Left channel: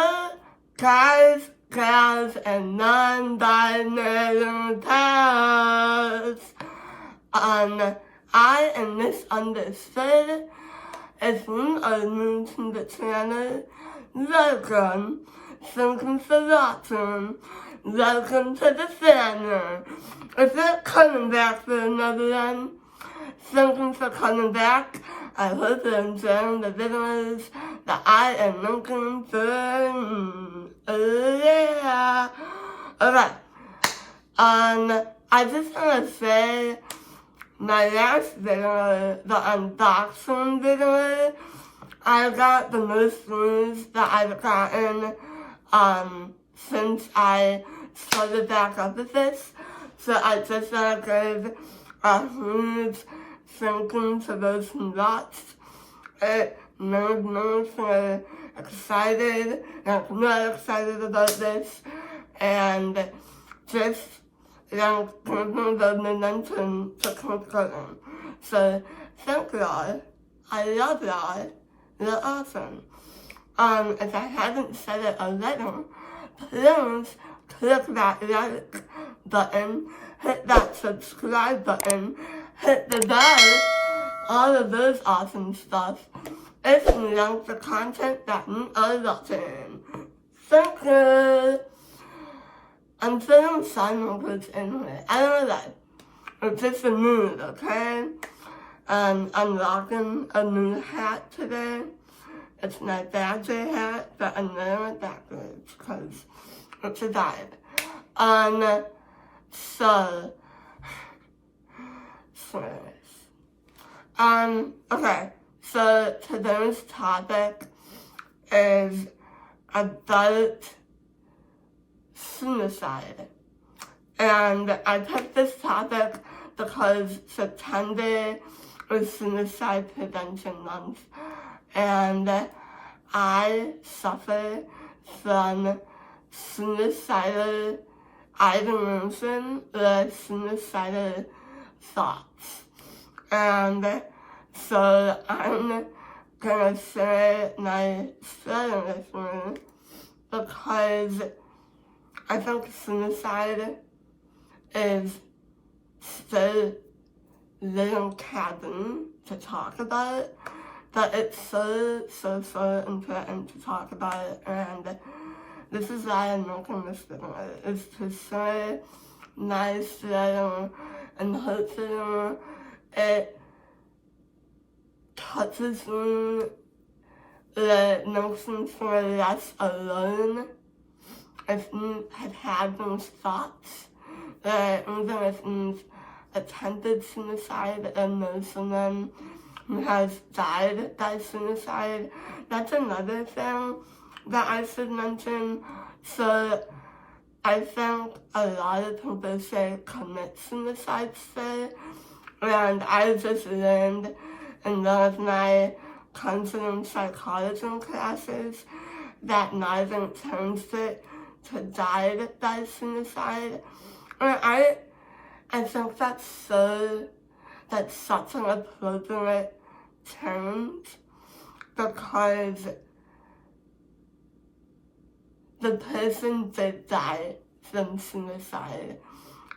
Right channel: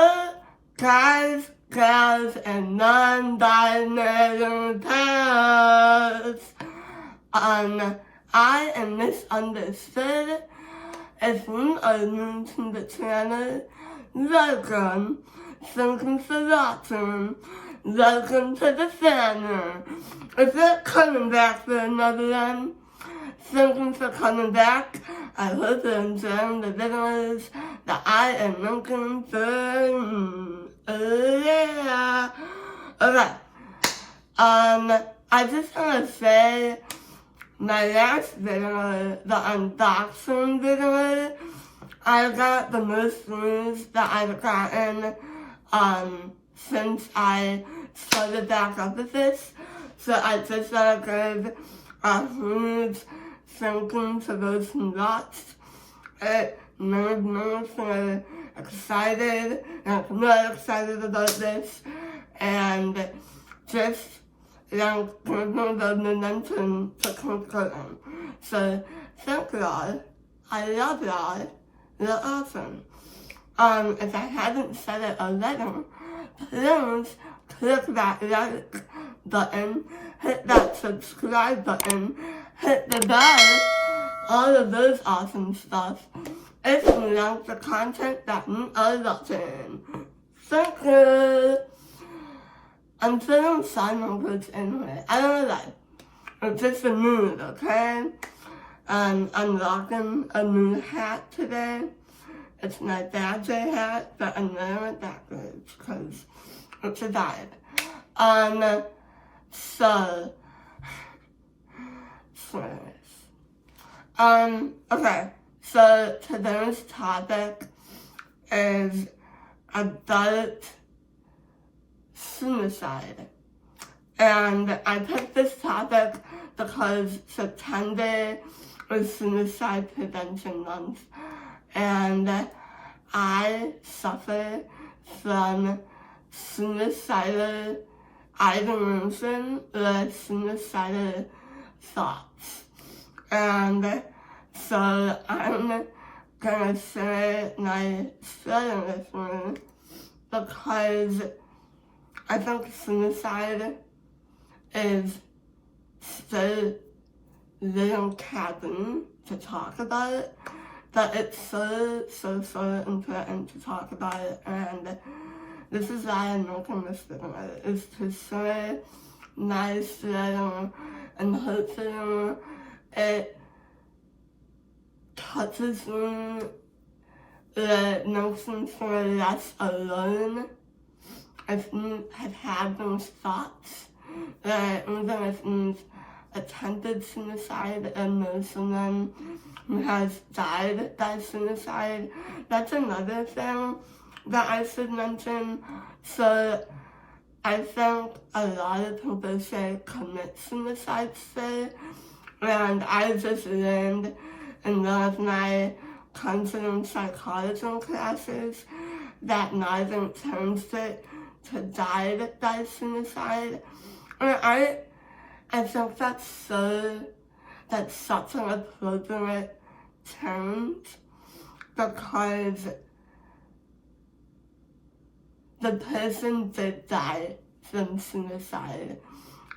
Hello, guys, gals, and non-binary pairs. I am misunderstood. If you are new to the channel, welcome. Thank for watching. Welcome to the family. If you're coming back for another one, thank you for coming back. I hope you're enjoying the videos that I am making for yeah. Okay. I just want to say my last video, the unboxing video, I got the most views that I've gotten since I started back up with this. So I just want to give a huge thank you to those who watched. It made me feel excited, and I'm really excited about this, and just give me the momentum to keep going. So thank y'all. I love y'all. You're awesome. If I haven't said it already, please click that like button, hit that subscribe button, hit the bell, all of those awesome stuff. If you like the content that you are watching. Thank you. I'm feeling Simon Goods anyway. I don't know that. It's just a mood, okay? I'm rocking a new hat today. It's my birthday hat, but I'm wearing it backwards because it's a vibe. Okay, so today's topic is about suicide. And I picked this topic because September is Suicide Prevention Month. And I suffer from suicidal ideation or suicidal thoughts. And so I'm gonna share my story with you because I think suicide is so little taboo to talk about, but it's so important to talk about it, and this is why I'm making this video, is to share my story, and hopefully it touches me, it makes me feel less alone if you have had those thoughts, even if you've attempted suicide and know someone who has died by suicide. That's another thing that I should mention. So I think a lot of people say commit suicide today, and I just learned in one of my counseling psychology classes that neither terms it to die by suicide. And I think that's such an appropriate term because the person did die from suicide.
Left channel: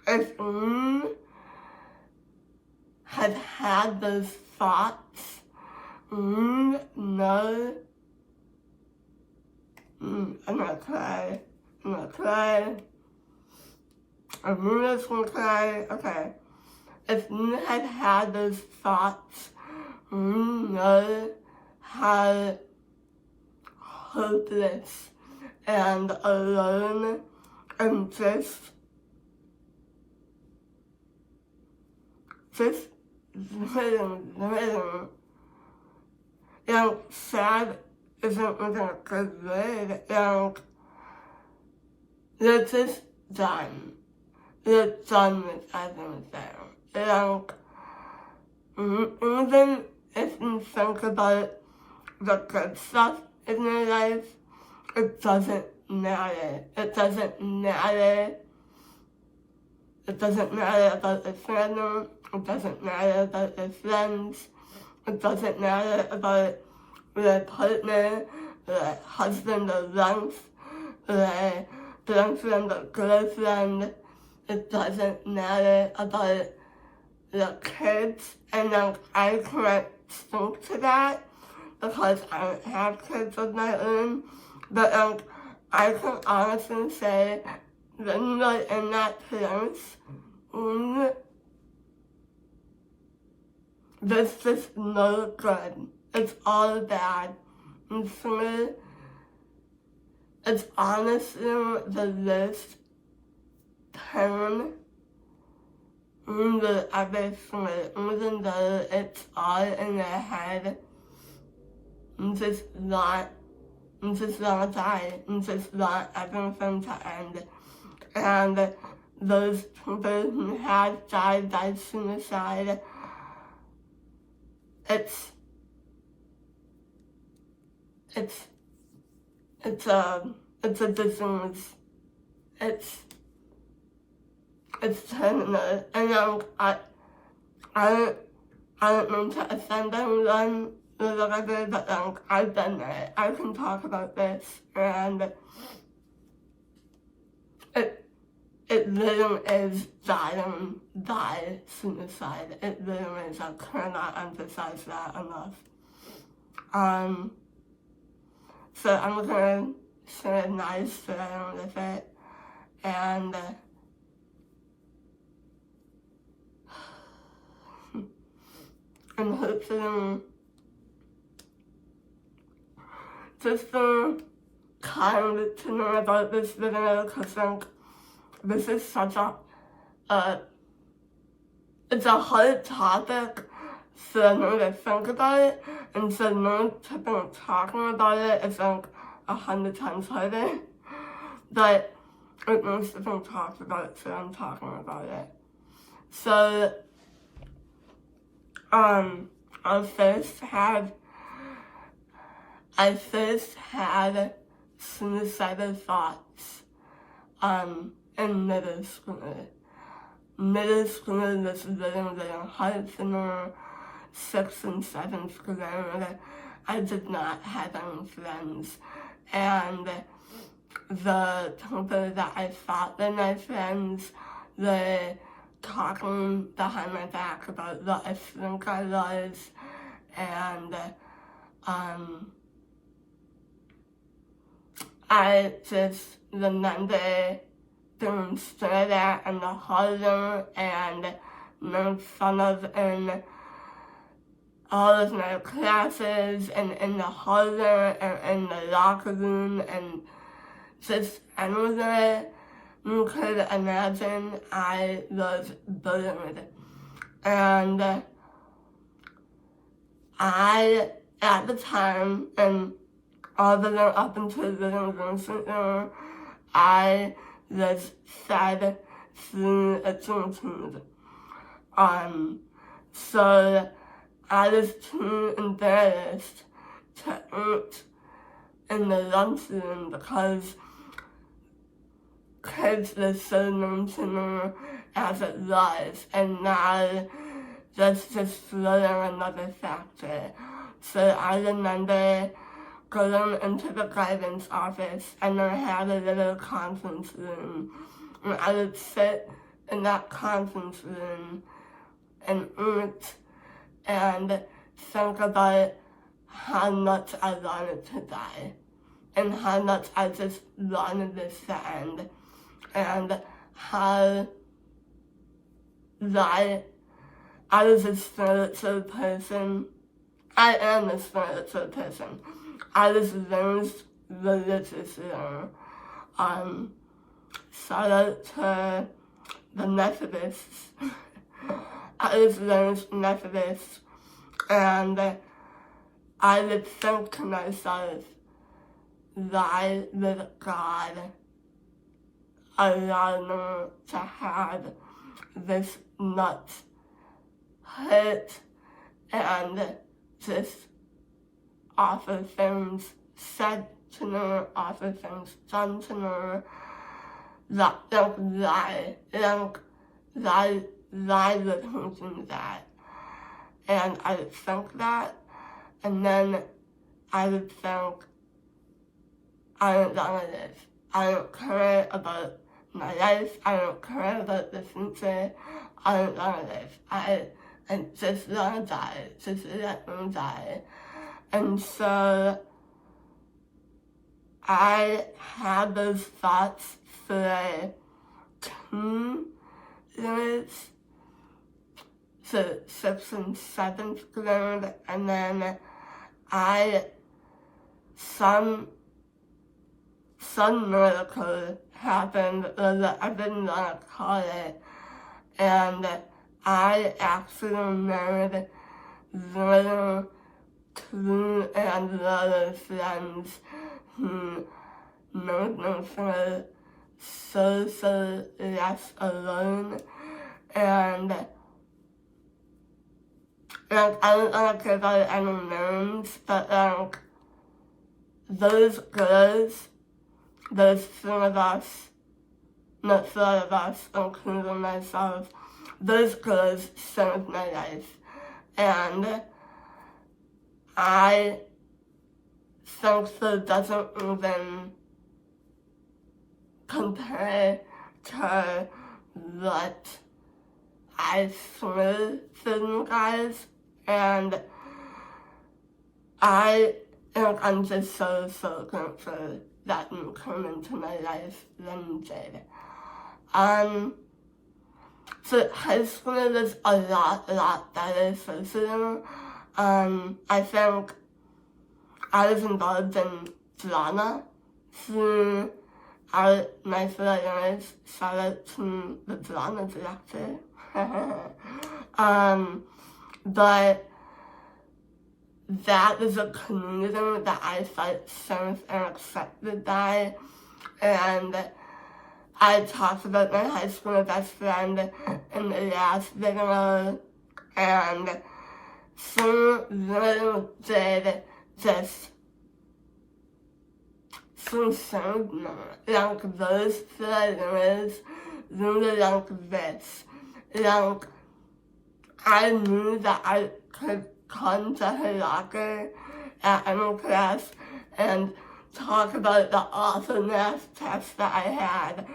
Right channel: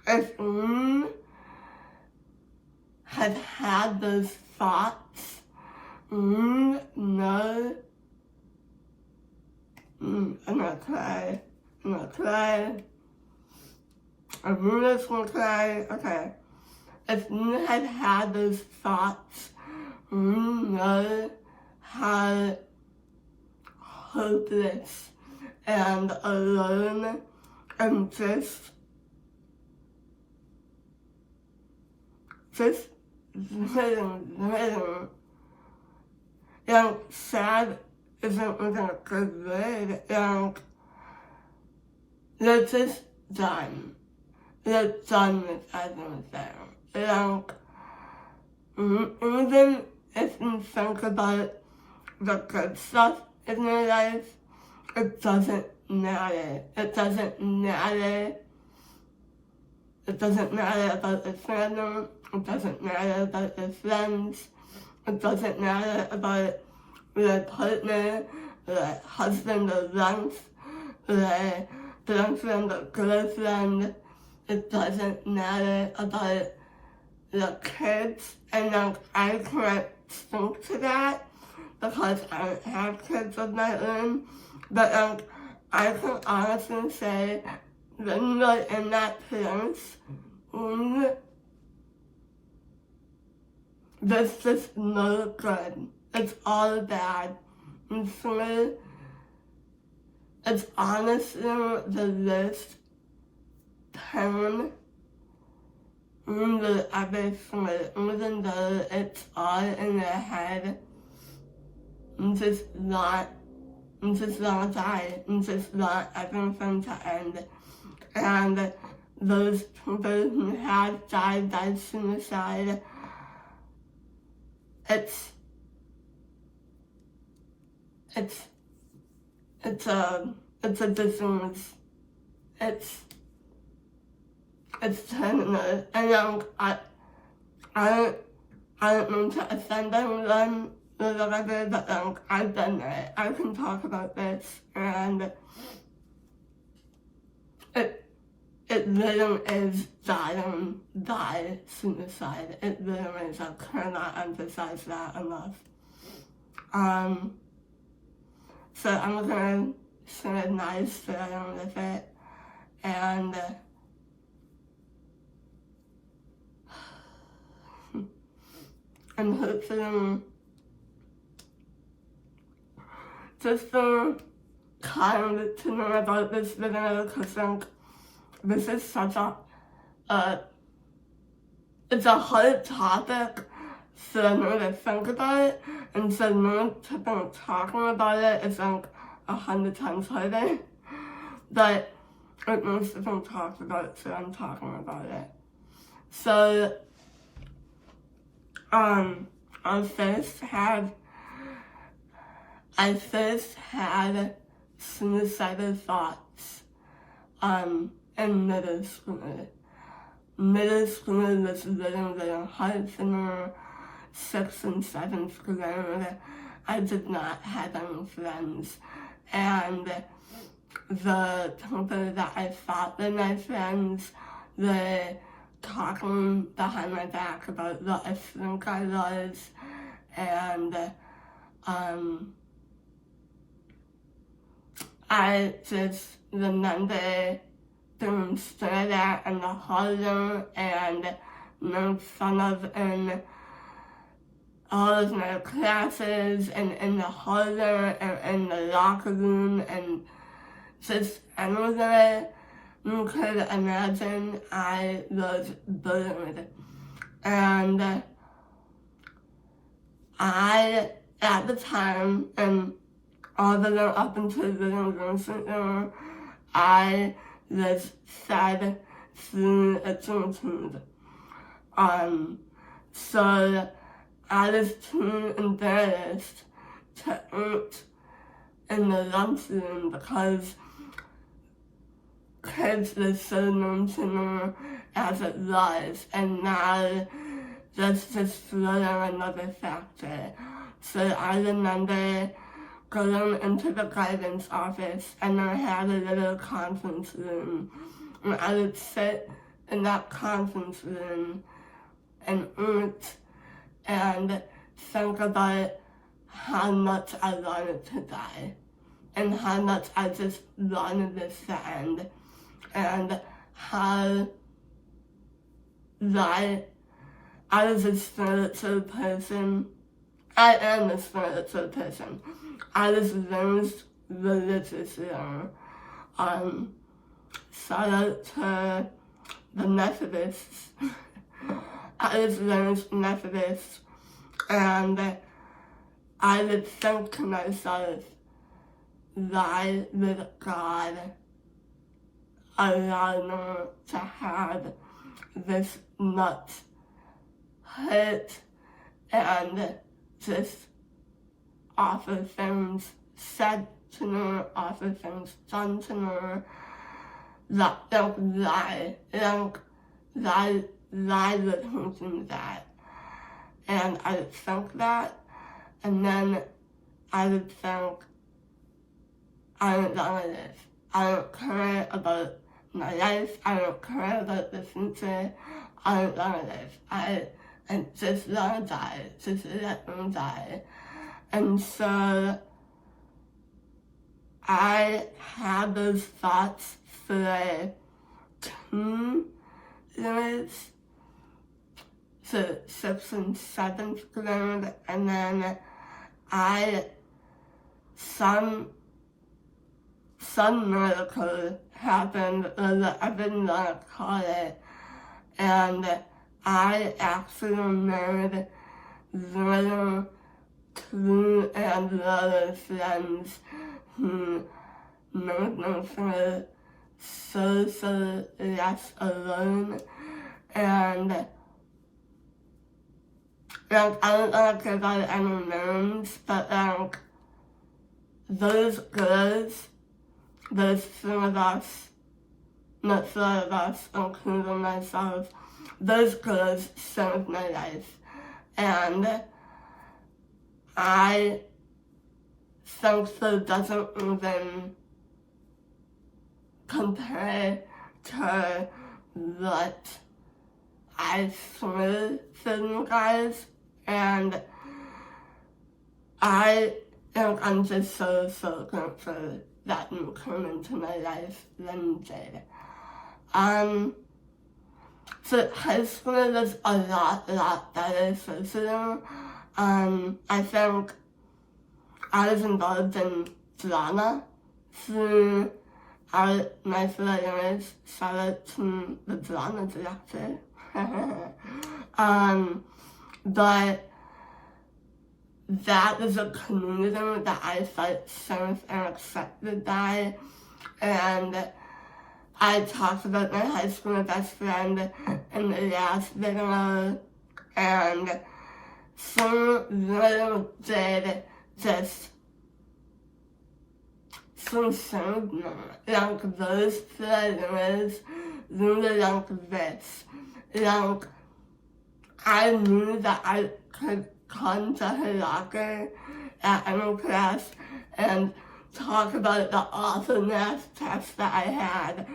If you had had those thoughts, you know, I'm gonna cry. I'm really gonna cry. Okay. If you had had those thoughts, you know how hopeless and alone and just living. And sad isn't even a good word. And they're just done. They're done with everything. And even if you think about the good stuff in your life, it doesn't matter. It doesn't matter. It doesn't matter about your family. It doesn't matter about your friends. It doesn't matter about your partner. the husband or wife, the boyfriend or girlfriend. It doesn't matter about the kids, and I can't speak to that because I don't have kids of my own, but I can honestly say when you're in that place, there's just no good. It's all bad. And so it's honestly the least pain in the ever even though it's all in their head. It's just not die. It's just not everything to end. And those people who have died by suicide, it's a disease. It's terminal, and I don't mean to offend anyone or whatever, but I've been there. I can talk about this, and it really is dying by suicide. It really is. I cannot emphasize that enough. So I'm gonna say a nice story with it, and hopefully just kind to know about this video, because this is such it's a hard topic for me to think about it, and for me to be talking about it is 100 times harder, but it needs to be talked about, so I'm talking about it. So I first had suicidal thoughts in middle school. Middle school was really hard for me. 6th and 7th grade, I did not have any friends, and the people that I thought were my friends were talking behind my back about what I think I was, and I just remember being stared at in the hallway and made fun of in all of my classes, and in the hallway, and in the locker room, and just anywhere you could imagine. I was bullied, and I, at the time, and all the way up until the university, I was sad through a attitude. So I was too embarrassed to eat in the lunchroom because kids were so mean to me as it was, and now that's just throwing another factor. So I remember going into the guidance office, and I had a little conference room, and I would sit in that conference room and eat and think about how much I wanted to die, and how much I just wanted this to end, and how that I was a spiritual person. I am a spiritual person. I was raised religiously. Shout out to the Methodists. I was raised Methodist, and I would think to myself, why would God allow me to have this much hurt and just awful things said to me, awful things done to me, that lie would hurt that. And I would think that, and then I would think, I don't want to live. I don't care about my life. I don't care about the future. I don't want to live. I just want to die. Just let me die. And so I had those thoughts for 2 years, so 6th and 7th grade, and then some miracle happened, or I didn't want to call it, and I actually made little true and loyal friends who made me feel so less alone. And like, I don't want to give out any names, but like, those girls, those 3 of us, not 4 of us, including myself, those girls saved my life. And I think that doesn't even compare to what I threw for you guys. And I'm just so grateful that you came into my life when you did. So high school was a lot better socially. I think I was involved in drama through my 4 years. Shout out to the drama director. But that is a community that I felt safe and accepted by. And I talked about my high school best friend in the last video, and she really did just, she saved me. Like, those 4 years, really like this. Like, I knew that I could come to her locker at any class and talk about the awesomeness test that I had.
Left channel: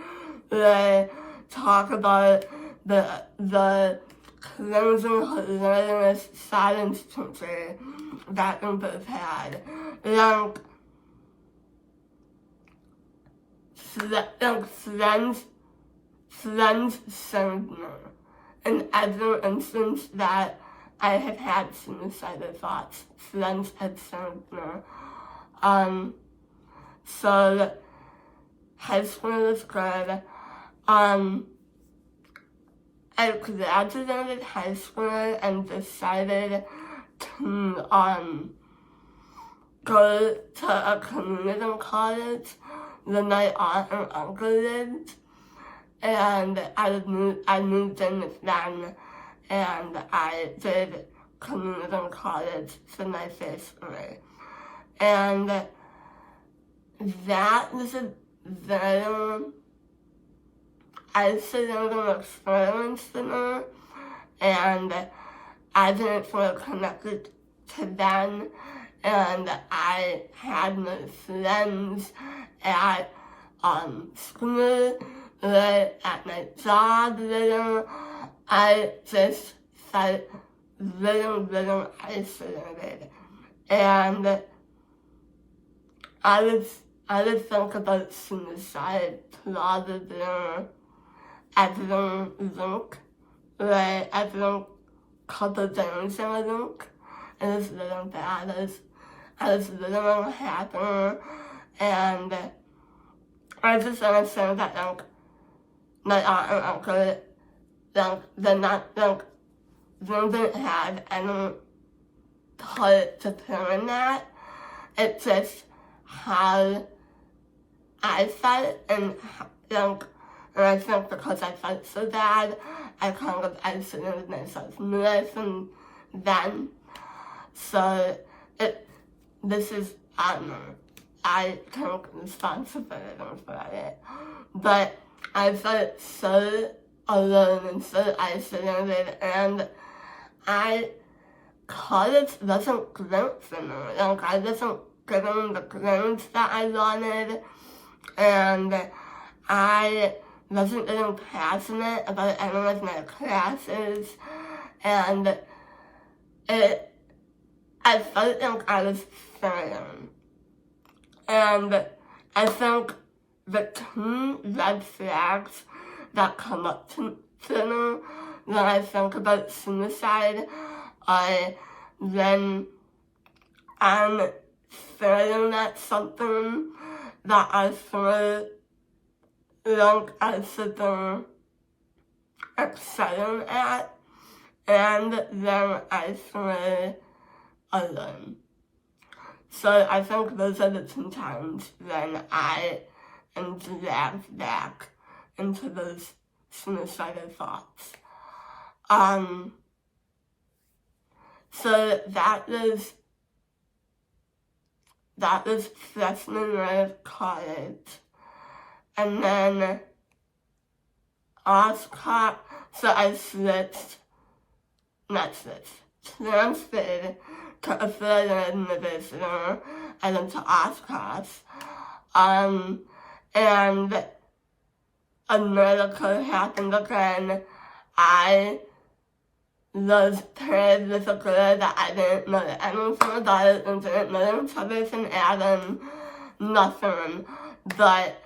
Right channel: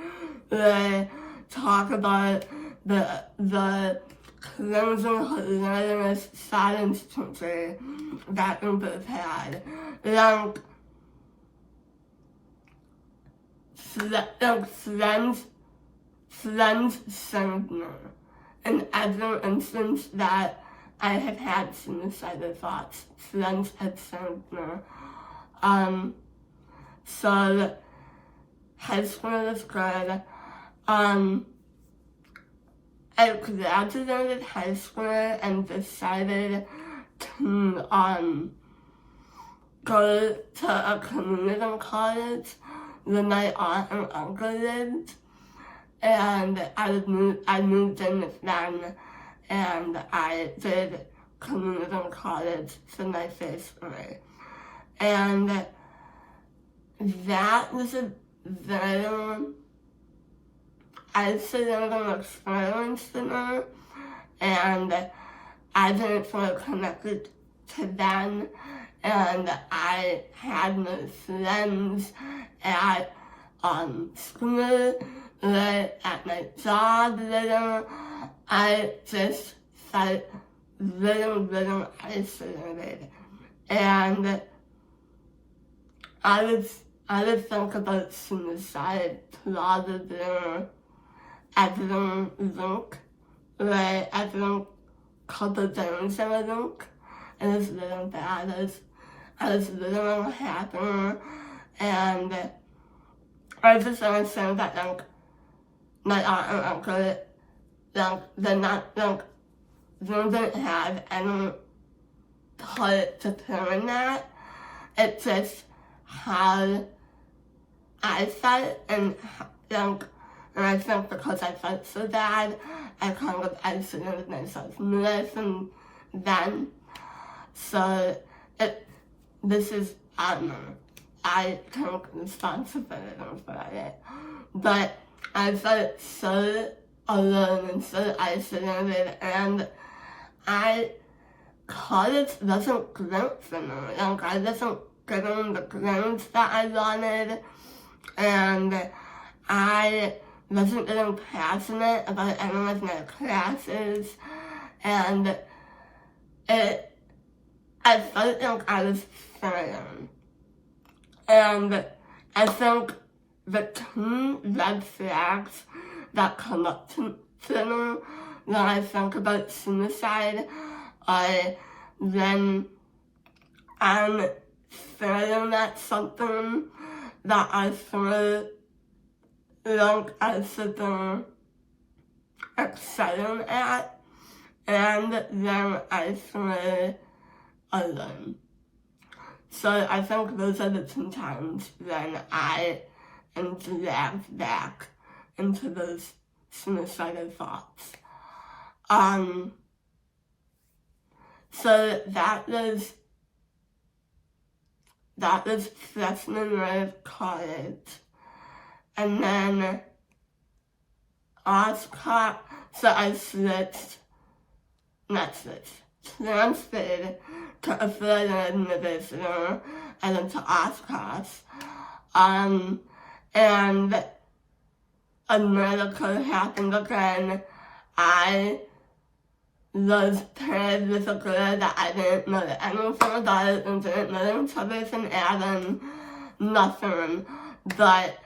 They talk about the crazy, hilarious science teacher that we both had. Like friends saved me. In every instance that I have had suicidal thoughts, friends have saved me. So high school was good. I graduated high school and decided to go to a community college where my aunt and uncle lived, and I moved in with them, and I did community college for my 1st grade. And that was a very isolating experience for me, and I didn't feel connected to them, and I had no friends at school, at my job, I just felt really isolated. And I would think about suicide probably every week, like every couple days in a week. It was really bad. I was really happy, and I just want to say that like my aunt and uncle, like they're not like they didn't have any part to play in that. It's just how I felt, and like, and I think because I felt so bad, I kind of isolated myself more from them. So this is, I don't know, I take responsibility for it, but I felt so alone and so isolated, and college wasn't great for me. Like, I wasn't getting the grades that I wanted, and I wasn't getting passionate about any of my classes, and I felt like I was failing. And I think the two red flags that come up to me when I think about suicide are when I'm failing at something that I feel like I should be excelling at, and then I feel alone. So I think those are the two times when I am dragged back into those suicidal thoughts. So that was freshman year of college. And then so I transferred to affiliated university. I went to Oshkosh. And a miracle happened again. I was paired with a girl that I didn't know anything about it and didn't know each other from Adam, nothing. But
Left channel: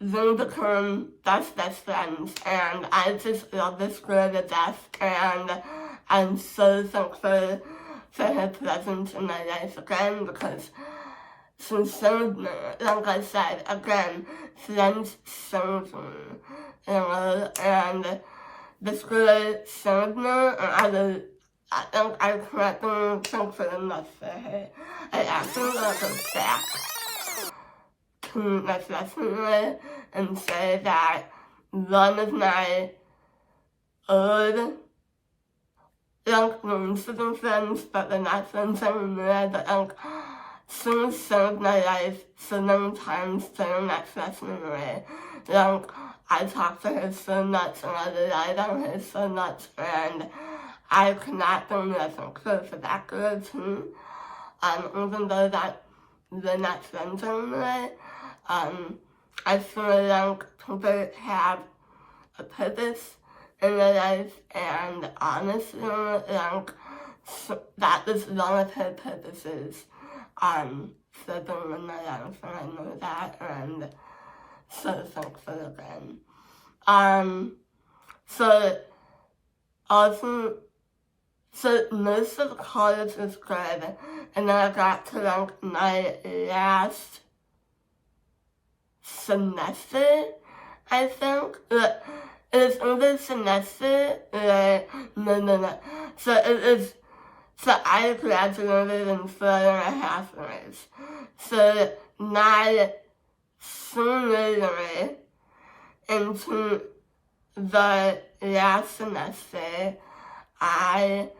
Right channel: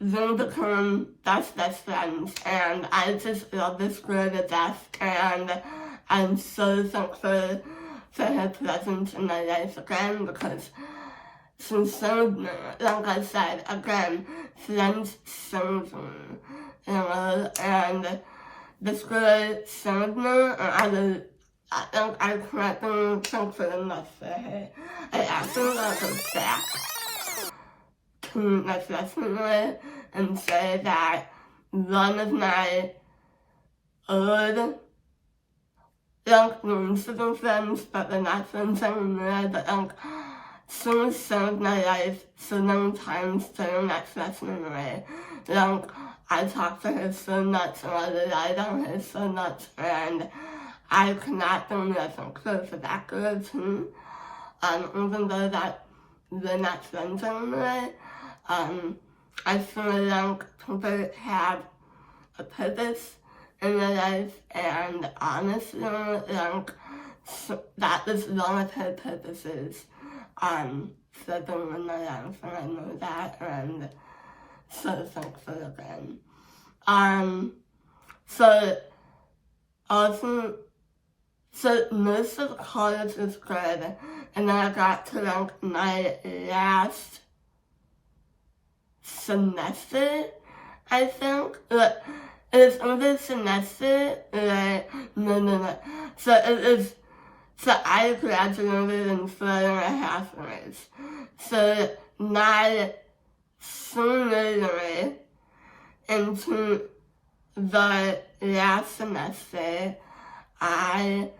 we became best friends, and I just love this girl to death, and I'm so thankful for her presence in my life again, because she showed me, like I said, again, friends showed me, and this girl showed me, and I think I can't be thankful enough for her. I actually want to go back to my freshman year and say that one of my old musical friends, but they're not friends anymore, but she saved my life so many times during that freshman year. I talked to her so much, and I relied on her so much, and I could not be more thankful for that girl too. Even though that we're not friends anymore, I feel like people have a purpose in their life, and honestly, that was one of her purposes, for being in my life, and I know that, and so thankful again. So most of college was good, and then I got to my last semester, I think. It was only semester, no. So I graduated in 4.5 years. So my senior year into the last semester, I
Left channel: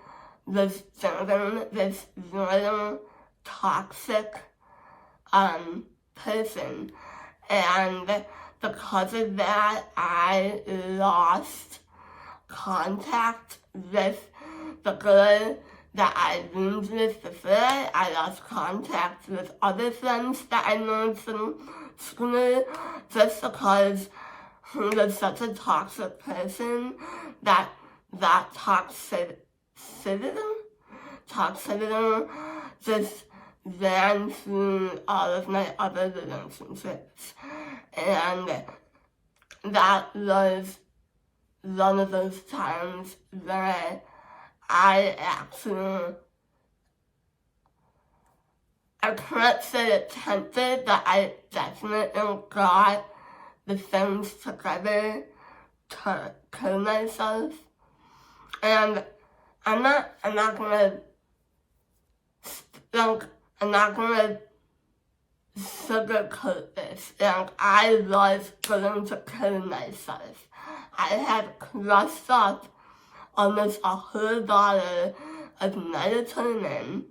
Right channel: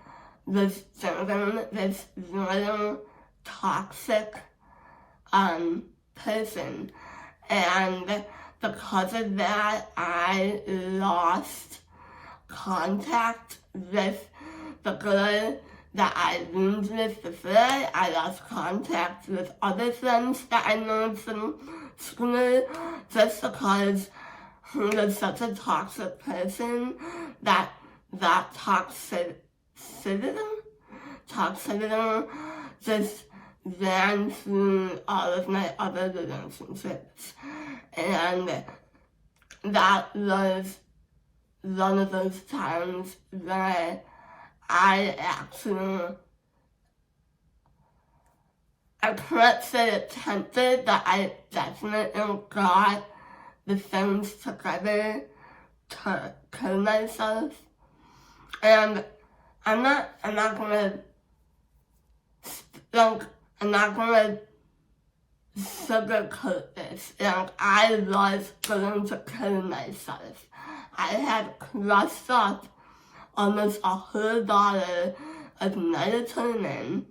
was dating this really toxic person, and because of that, I lost contact with the girl that I roomed with before. I lost contact with other friends that I knew from school, just because he was such a toxic person that toxicity just ran through all of my other relationships. And that was one of those times where I can't say attempted, but I definitely got the things together to kill myself. And I'm not gonna sugarcoat this. I was going to kill myself. I had crushed up almost $100 of melatonin,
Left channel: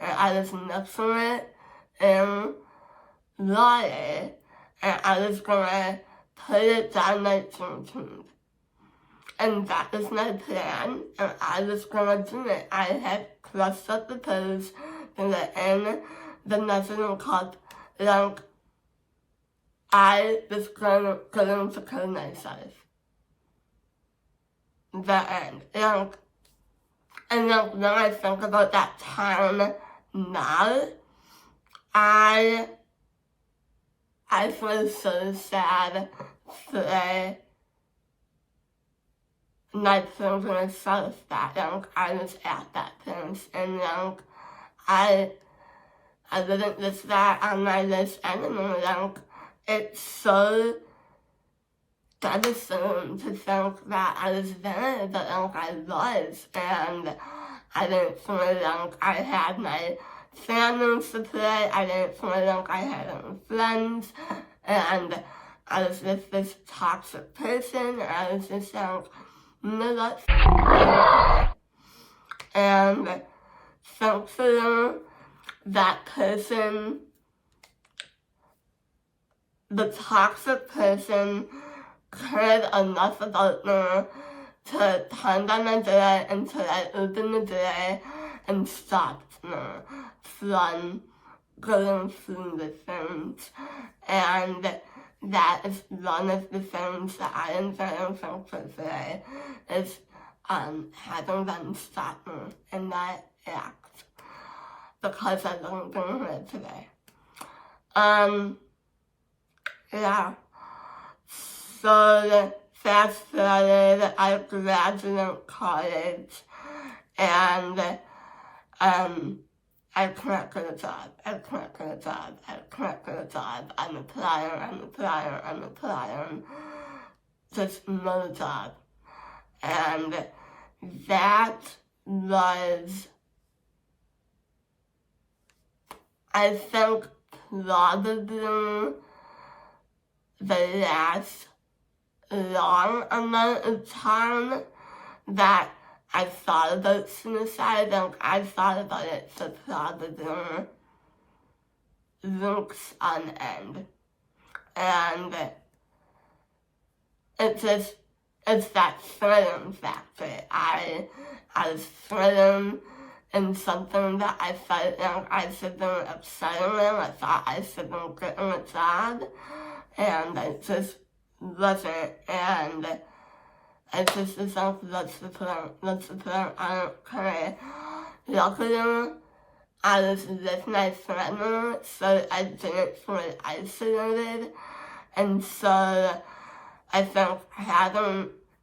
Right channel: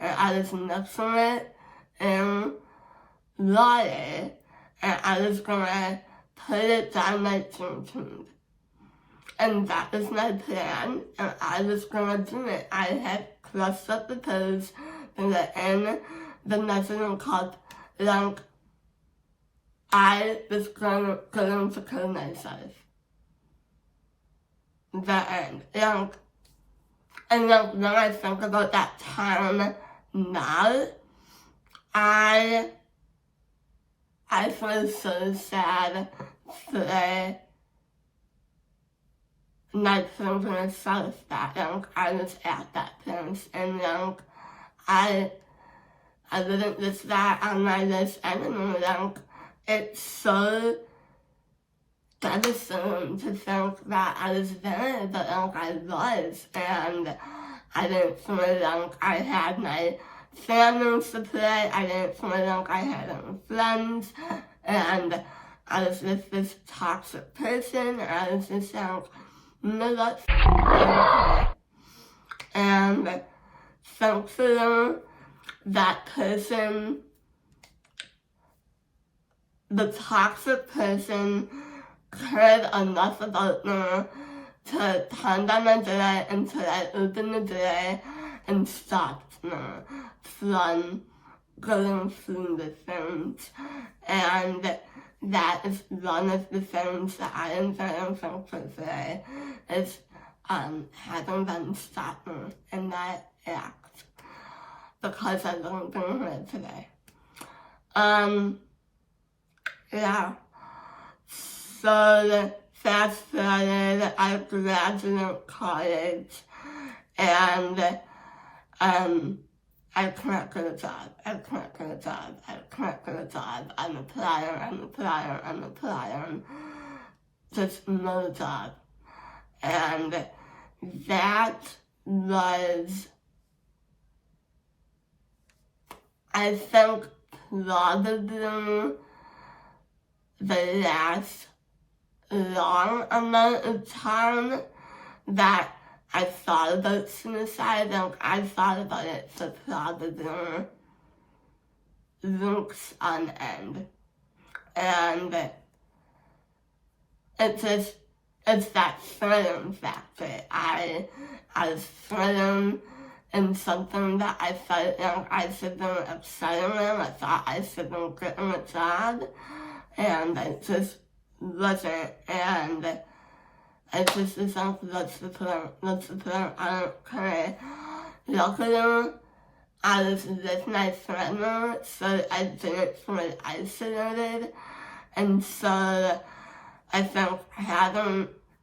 and I was mixing it in water, and I was gonna put it down my tube. And that was my plan, and I was gonna do it. I had crushed up the pills in the National Cup, like, I was going to kill myself. The end. Like, and like, when I think about that time now, I feel so sad for not thinking myself that like, I was at that place, and like, I didn't list that on my list anymore. Like, it's so devastating to think that I was there, but like, I was, and I didn't feel like I had my family to play, I didn't feel like I had any friends, and I was just this toxic person, and I was just like, no, that's okay. And thankfully, that person, the toxic person, cared enough about me to turn down my door until I opened the door and stopped me from going through the things. And that is one of the things that I am very thankful for, is having them stop me in that act, because I wouldn't be here today. Yeah. So fast forward, I graduated college, and I can't get a job. I'm applying. Just no job. And that was, I think, probably the last long amount of time that I thought about suicide. Like, I thought about it for probably weeks on end. And it's that thrilling factor. I was thrilling in something that I felt like I should be excelling in. I thought I should be getting a job, and I just wasn't, and I just was like, what's the point, I don't care. Luckily, I was with my family, so I didn't feel isolated, and so I think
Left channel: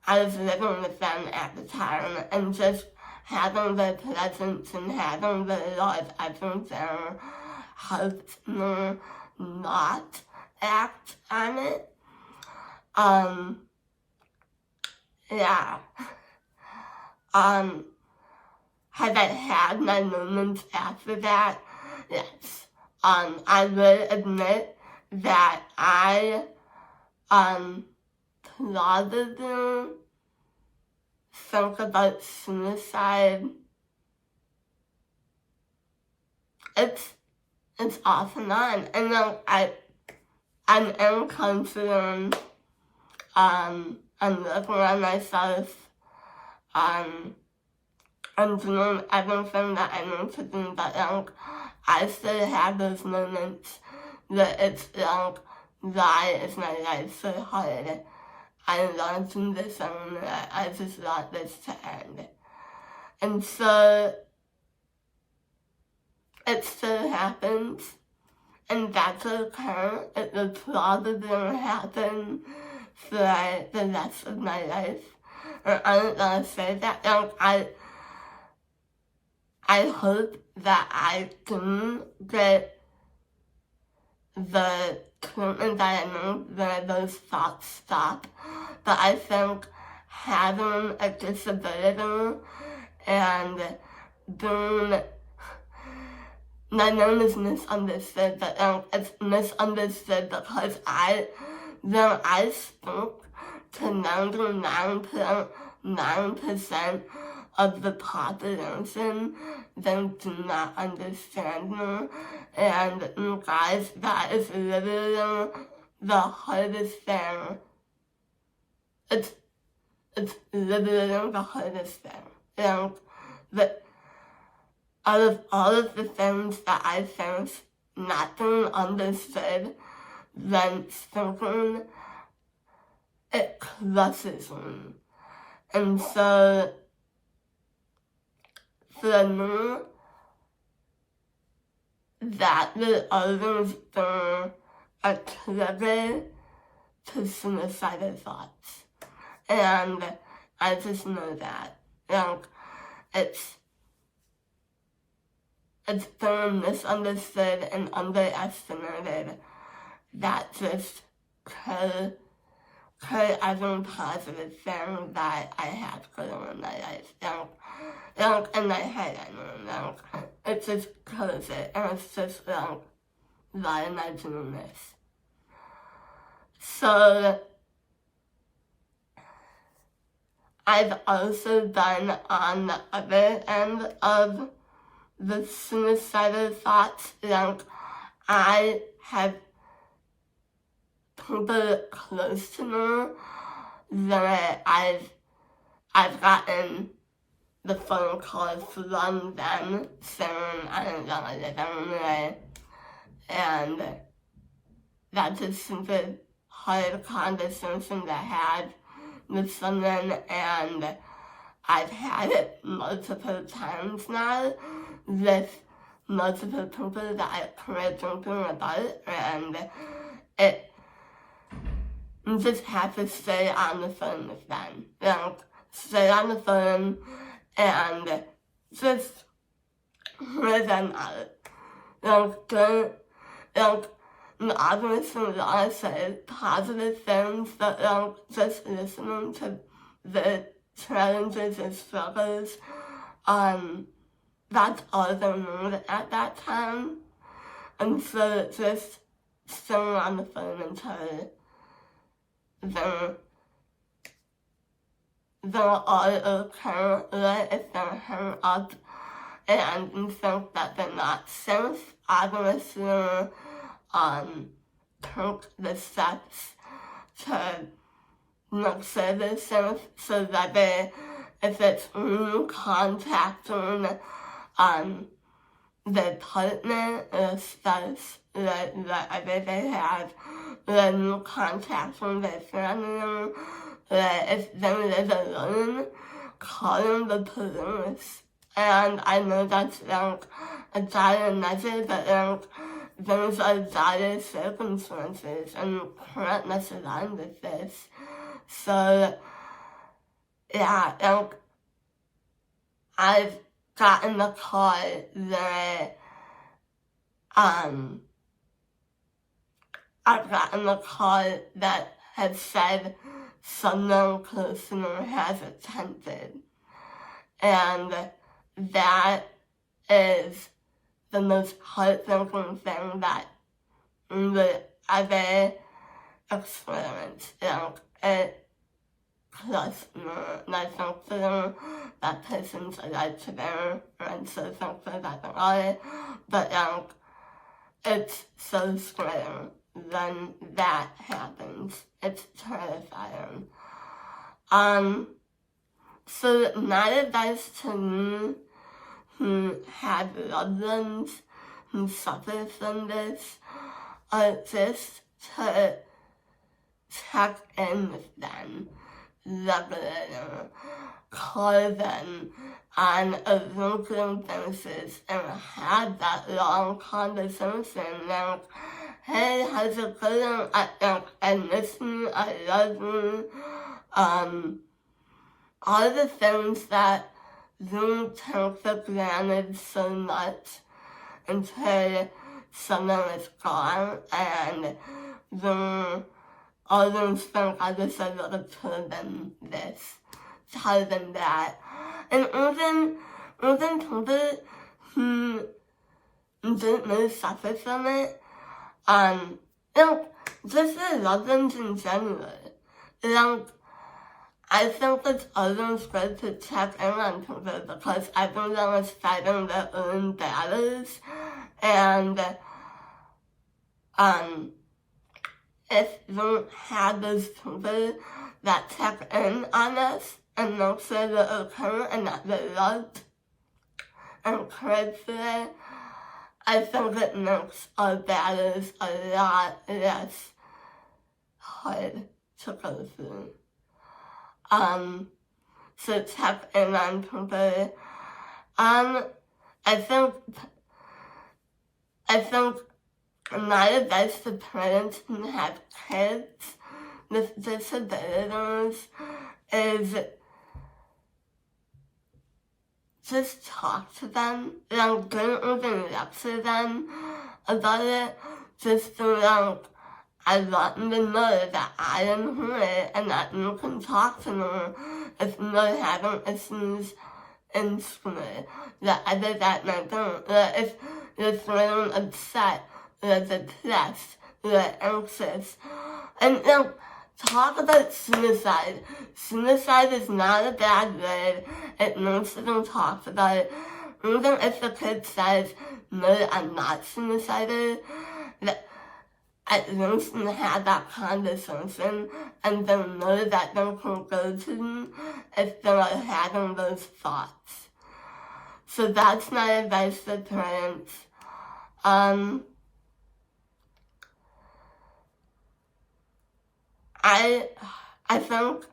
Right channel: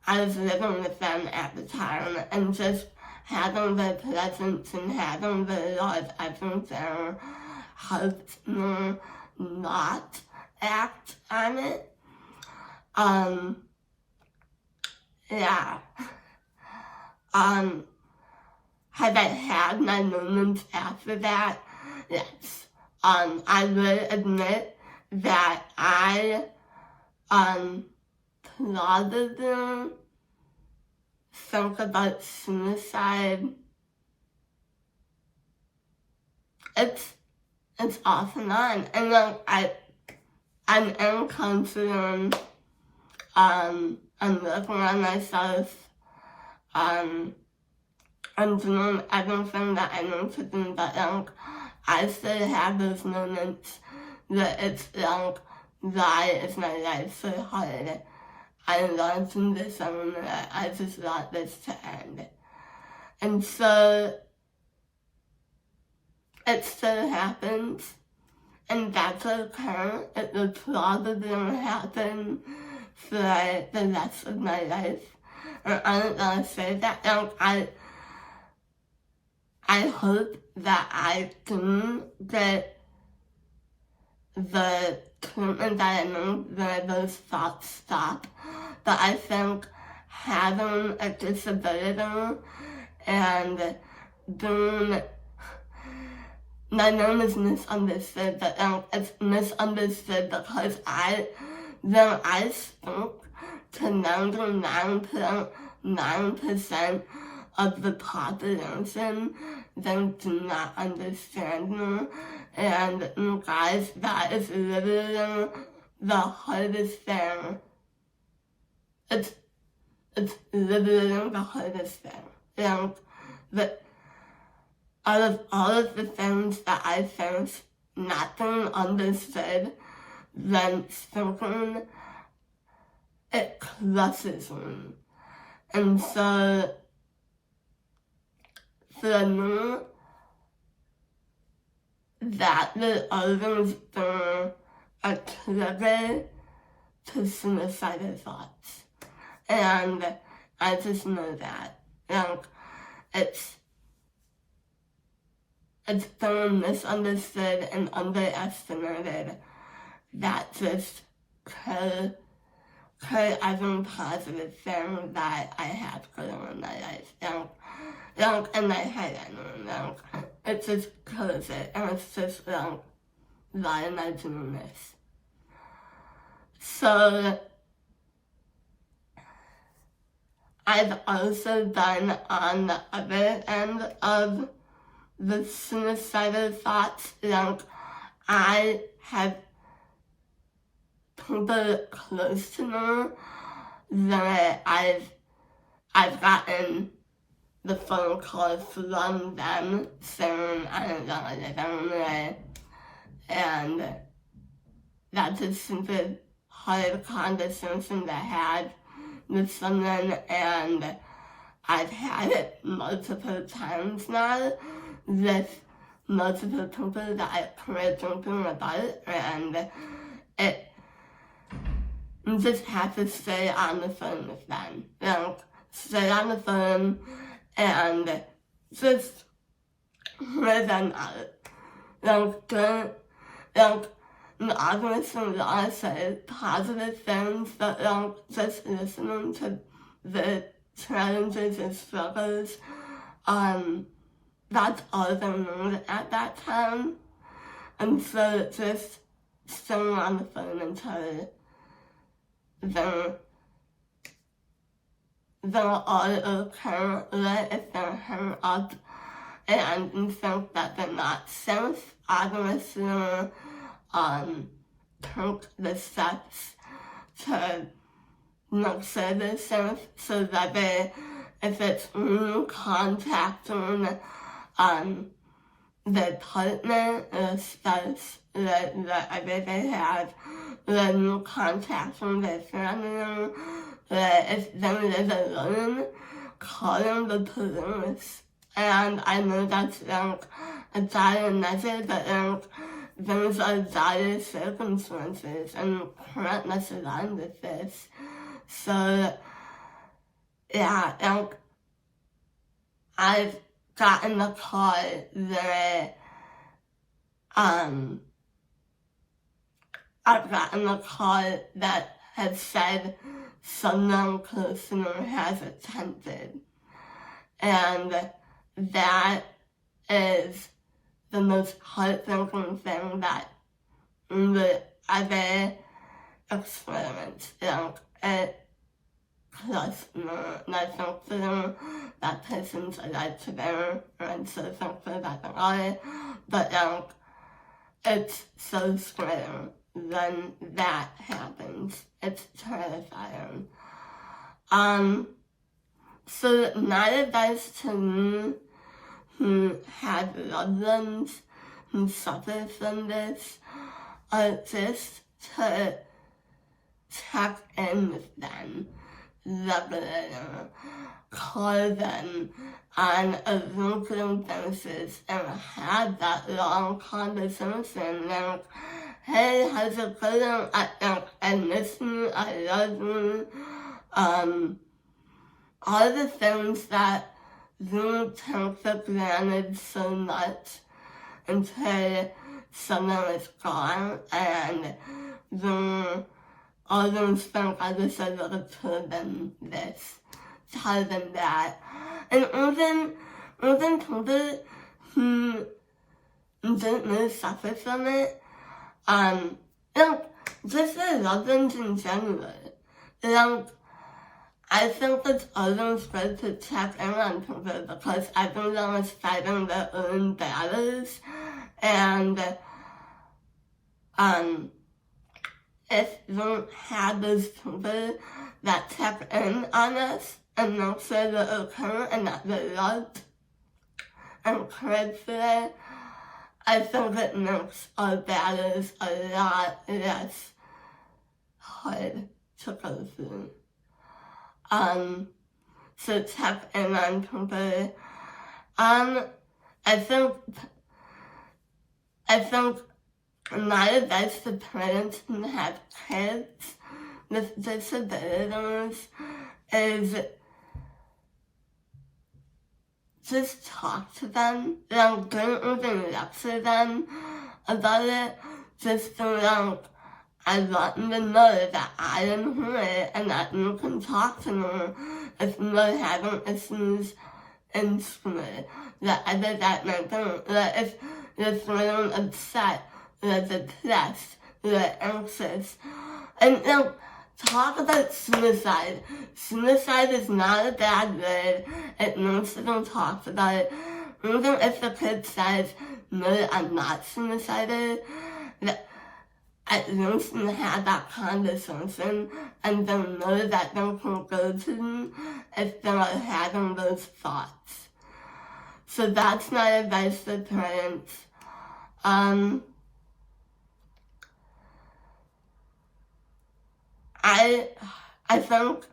I was living with them at the time, and just having their presence and having their love everything helped me not act on it. Yeah. Have I had my moments after that? Yes. I will admit that I, probably think about suicide. It's off and on, and like, I'm in counseling, I'm looking at myself, I'm doing everything that I need to do, but like, I still have those moments that it's like, why is my life so hard? I want to do this, and I just want this to end. And so, it still happens, and that's okay. It will probably happen for the rest of my life. And I don't want to say that. Like, I hope that I can get the treatment that I need where those thoughts stop. But I think having a disability and being, my name is misunderstood, but it's misunderstood because when I spoke to 99.9% of the population, they do not understand me. And you guys, that is literally the hardest thing. It's literally the hardest thing. out of all of the things that I think not being understood, then thinking it crushes me. And so, for me, that will always be a trigger to suicidal thoughts. And I just know that. Like, it's been misunderstood and underestimated that just could every positive thing that I have going on in my life. Like in my head, I mean, like, it just kills it, and it's just like, why am I doing this? So, I've also been on the other end of the suicidal thoughts. Like, I have people close to me that I've gotten the phone calls from them saying I don't know what they're doing, and that's a super hard conversation to have with someone, and I've had it multiple times now with multiple people that I care thinking about, and you just have to stay on the phone with them. Like, stay on the phone and just hear them out. Obviously, when I say positive things, but just listening to the challenges and struggles, that's all they need at that time. And so just staying on the phone until they're all okay, right? If they're hung up and you think that they're not safe, obviously, take the steps to make sure they're safe, so that if it's you contacting their partner or spouse, whatever they have, when you contacting their family, if they live alone, calling the police. And I know that's like a dire measure, but like, those are dire circumstances, and you can't mess around with this. So, yeah, like, I've gotten a call that, had said someone close to me has attempted. And that is the most heartbreaking thing that you would ever experience. Like, it crushed me. And I thankfully that person's alive today, and I'm so thankful that they are. But like, it's so scary when that happens. It's terrifying. So my advice to me who have loved ones who suffer from this are just to check in with them regularly, call them on a regular basis, and have that long conversation, like, hey, how's it going? I miss you, I love you. All the things that you take for granted so much until someone is gone, and you always think I wish I would have told them this, told them that. And even people who didn't really suffer from it, just their loved ones in general. I think it's always good to check in on people because everyone is fighting their own battles, and if you have those people that check in on us and make sure they're okay and that they're loved encourage it, I think it makes our battles a lot less hard to go through. So check in on people. I think my advice to parents who have kids with disabilities is just talk to them. Don't even lecture them about it. Just I want them to know that I am here and that you can talk to me if you're having issues in school. That other that mental, that if you're feeling upset, or depressed, or anxious. And talk about suicide. Suicide is not a bad word. It needs to be talked about. Even if the kid says, no, I'm not suicidal, at least you have that conversation and they know that they can go to if they are having those thoughts. So that's my advice to parents. I think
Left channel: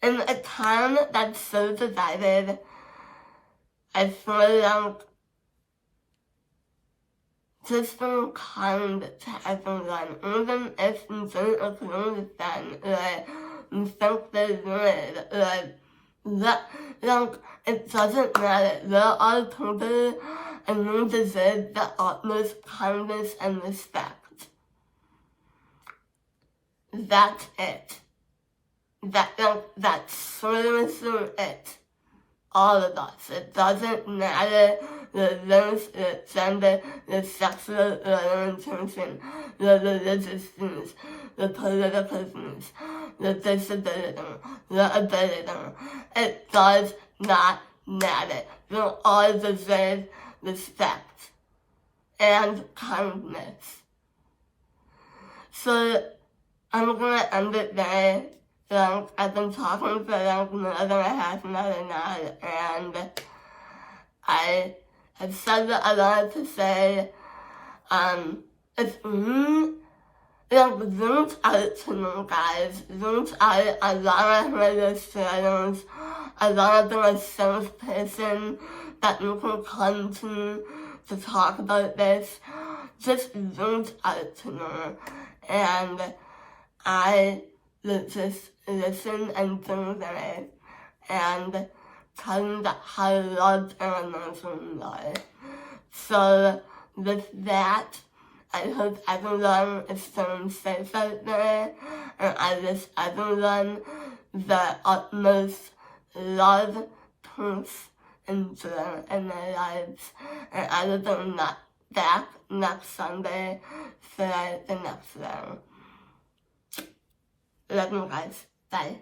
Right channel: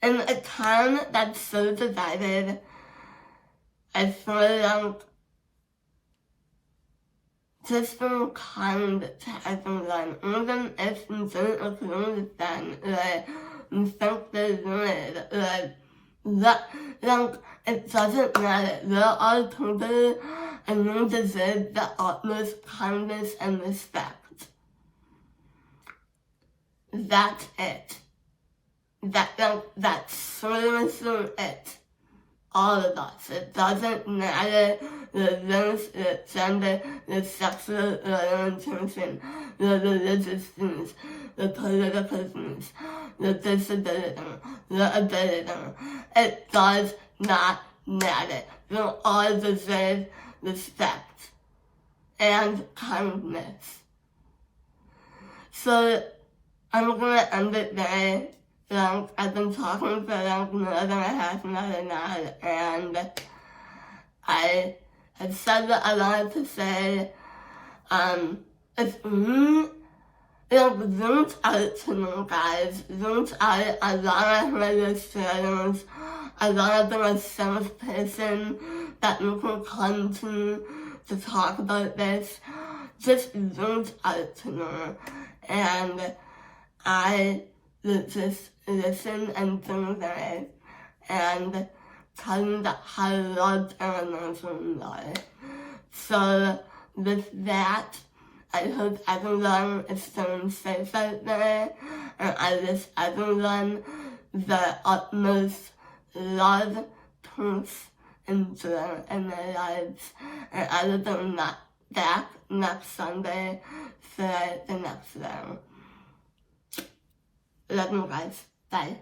in a time that's so divided, I feel like just be kind to everyone, even if you don't agree with them, or you think they're weird, or it doesn't matter. There are people and you deserve the utmost kindness and respect. That's it. That's seriously it. All of us. It doesn't matter the race, the gender, the sexual orientation, the religious views, the political views, the disability, the ability. It does not matter. You all deserve respect and kindness. So I'm gonna end it there. I've been talking for more than a half an hour now, and I have said what I wanted to say. If you reach out to me, guys, reach out. I wanna hear your stories. I wanna be a safe person that you can come to talk about this. Just reach out to me, and I will just listen and do that, and tell you that how loved and amazing you are. So with that, I hope everyone is staying safe out there, and I wish everyone the utmost love, peace, and joy in their lives. And I will be back next Sunday for the next round. Love you guys. Bye.